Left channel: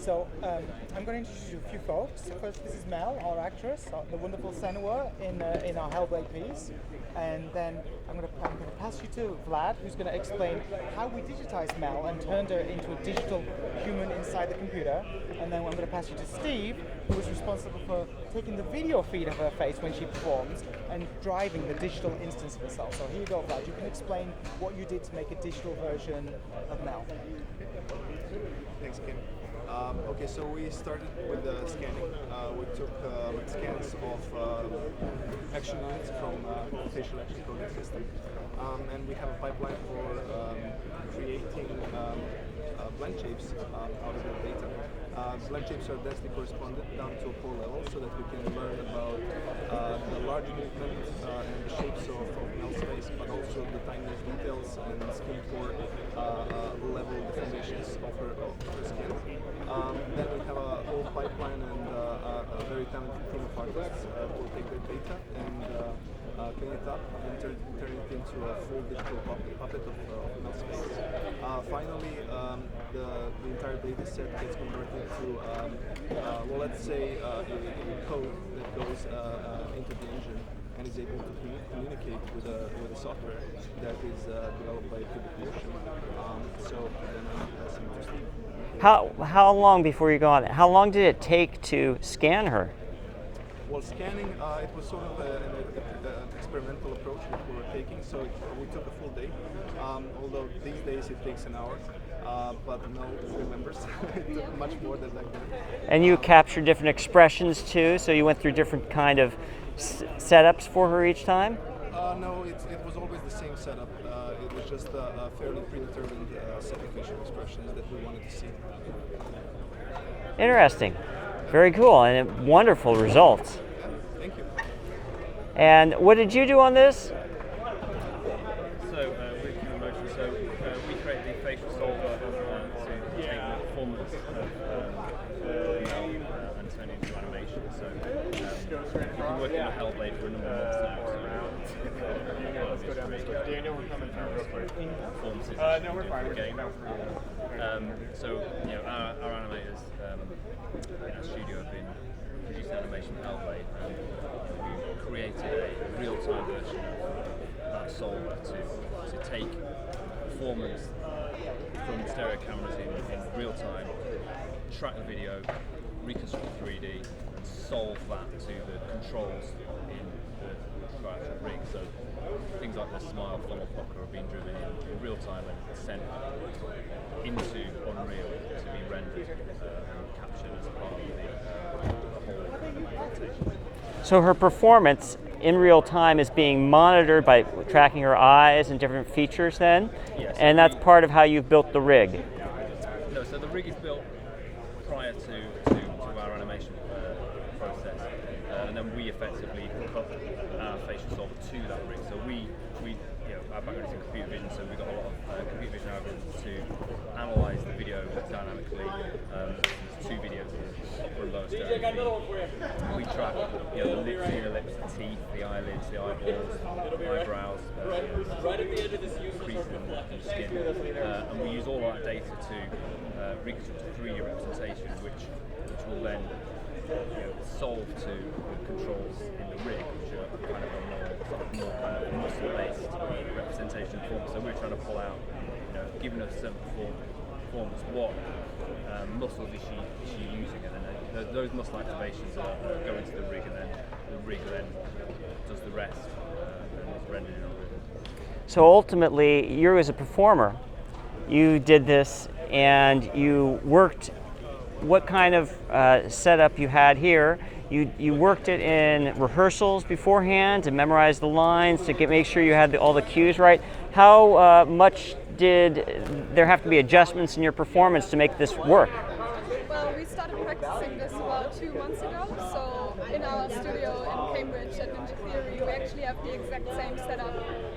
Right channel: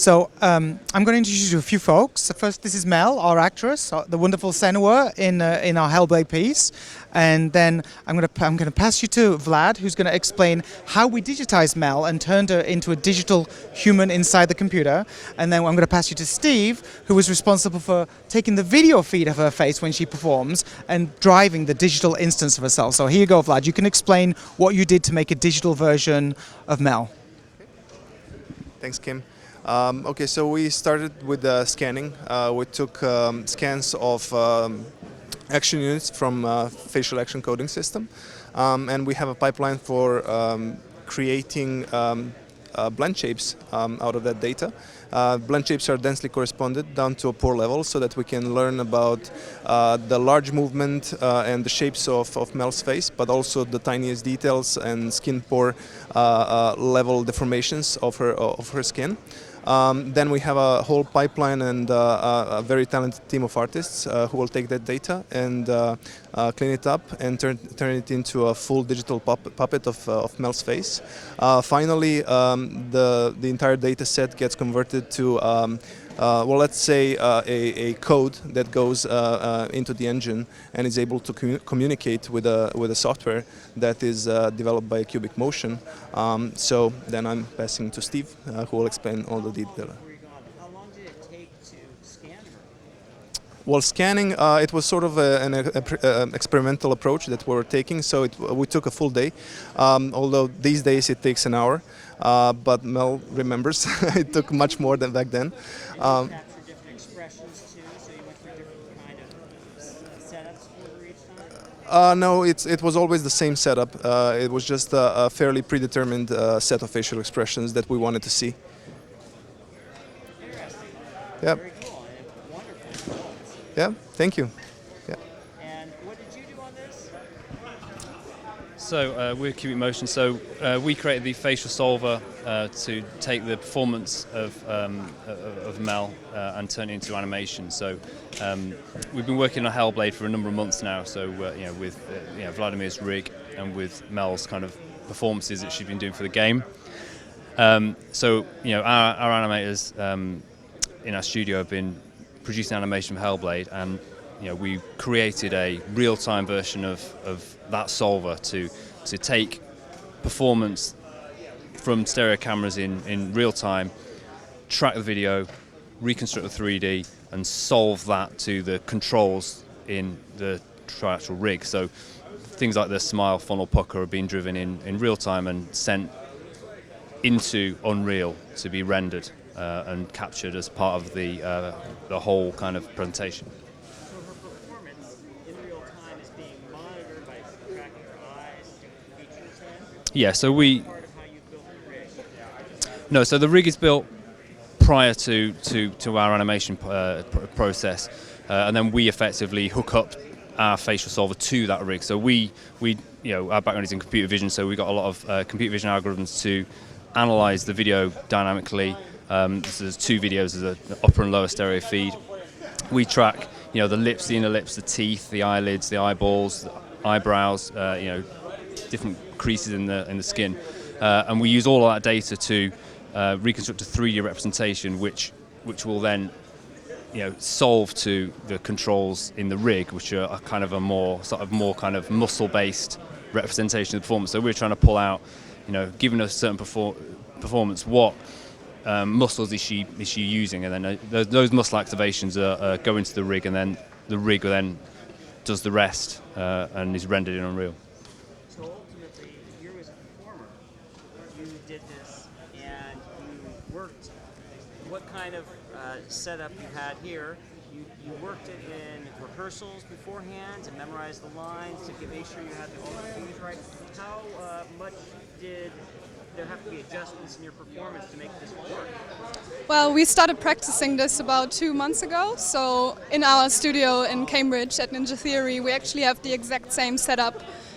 So I'm going to introduce you to a few folks. So first, this is Mel, our actress, the wonderful Senua in our Hellblade piece. And then I'm going to pass you to Vlad, who's going to explain how we digitized Mel and turned her into a digital human inside the computer. And then I'm going to pass you to Steve, who was responsible for taking the video feed of her face when she performs and driving the digital instance of herself. So here you go, Vlad. You can explain what you did to make a digital version of Mel. Thanks, Kim. Okay, so we started with scanning. We took scans of action units from facial action coding system, and we have a pipeline for creating blend shapes out of that data. Blend shapes are densely corresponded down to a pore level so that we can learn about the large movement and the shapes of Mel's face, but also the tiniest details and skin pore level deformations of her skin. Then we have a whole pipeline and a very talented team of artists who will take that data and clean it up and turn it into a full digital puppet of Mel's face. Finally, the entire data set gets converted to, well, let's say a code that goes into the engine and is able to communicate with a software that is developed by Cubic Motion. So then I'm passing to Steve, who will explain. How long before you go on? How long did it take to scan her? Well, scanning, it was sort of an experimental approach that we were taking, so we took a full day, although these days it takes an hour, but Mel remembers it took much more than back then. And you captured different expressions too, so you went through different kind of setups for her each time? No, it was always the same setup. It was just a fairly predetermined set of facial expressions that we wanted to see. Interesting. Yep. Very cool and wonderful results. Yeah, thank you. Yeah. And what did you do on this? So we're Cubic Motion. So we created the facial solver to take the performance of Mel and turn it into animation. So we've been working on Hellblade for a number of months now. So with Vladimir's rig and with Mel's kind of performances that she's been doing for the game. So our animators in our studio have been producing animation for Hellblade, and we created a real-time version of that solver to take performance from stereo cameras in real time, track the video, reconstruct the 3D, and solve that to the controls in the actual rig. So things like the smile, funnel, pucker are being driven in real time and sent into Unreal to be rendered and captured as part of the whole kind of presentation. So her performance in real time is being monitored by tracking her eyes and different features then? Yeah, so and that's part of how you've built the rig? No, so the rig is built prior to our animation process, and then we effectively hook up our facial solver to that rig. So we our background is in computer vision, so we got a lot of computer vision algorithms to analyze the video dynamically. There's two videos, there's an upper and lower stereo feed. We track, the lips, the inner lips, the teeth, the eyelids, the eyeballs, the eyebrows, different creases in the skin, and we use all of that data to reconstruct a 3D representation, which will then, solve to the controls in the rig, which are kind of a more kind of muscle-based representation of performance. So we're trying to pull out, given a certain performance, what muscles is she using, and then those muscle activations go into the rig, and then the rig then does the rest and is rendered in Unreal. So ultimately, you as a performer, you did this and you worked. What kind of setup you had here? You worked it in rehearsals beforehand to memorize the lines to make sure you had all the cues right. How much did there have to be adjustments in your performance to make this work? Well, we started practicing this about 2 months ago. So in our studio in Cambridge at Ninja Theory, we actually have the exact same setup.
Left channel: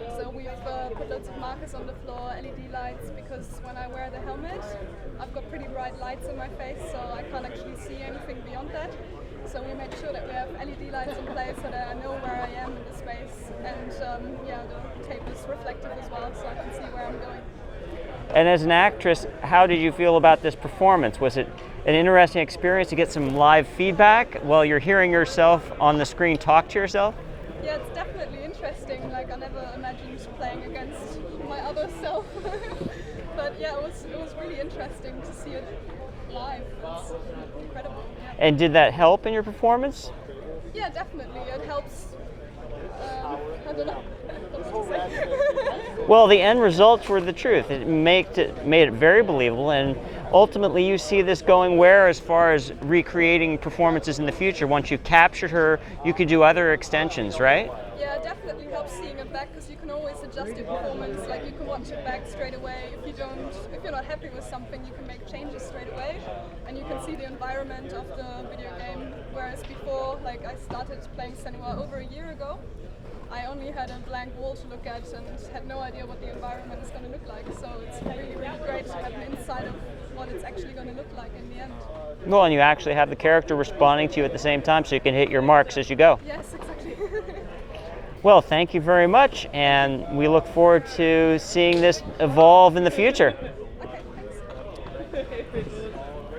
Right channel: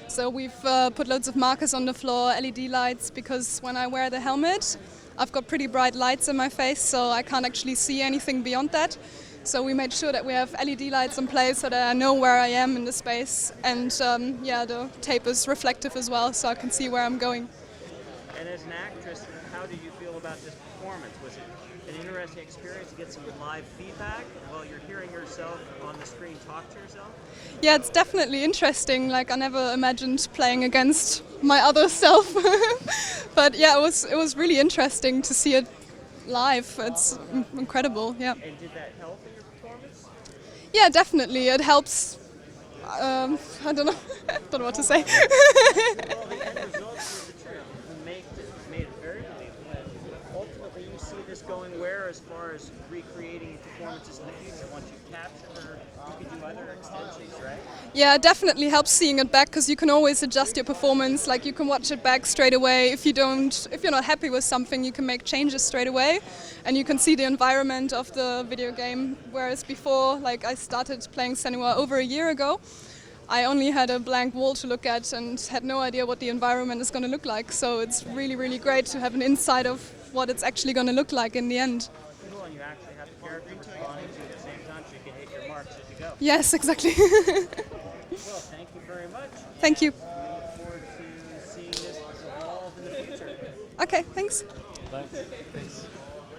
So we've put loads of markers on the floor, LED lights, because when I wear the helmet, I've got pretty bright lights in my face, so I can't actually see anything beyond that. So we made sure that we have LED lights in place so that I know where I am in the space, and the tape is reflective as well, so I can see where I'm going. And as an actress, how did you feel about this performance? Was it an interesting experience to get some live feedback while you're hearing yourself on the screen talk to yourself? Yeah, it's definitely interesting. Like, I never imagined playing against my other self. But yeah, it was really interesting to see it live. It's incredible, yeah. And did that help in your performance? Yeah, definitely. It helps. I don't know. I don't know what to say. Well, the end results were the truth. It made it very believable, and ultimately you see this going where as far as recreating performances in the future? Once you've captured her, you could do other extensions, right? Yeah, it definitely helps seeing it back, because you can always adjust your performance. Like, you can watch it back straight away. If you're not happy with something, you can make changes straight away, and you can see the environment of the video game. Whereas before, like, I started playing Senua over a year ago, I only had a blank wall to look at and had no idea what the environment is going to look like. So it's really, really great to have an insight of what it's actually going to look like in the end. Well, and you actually have the character responding to you at the same time, so you can hit your marks as you go. Yes, exactly. Well, thank you very much, and we look forward to seeing this evolve in the future. Okay, thanks.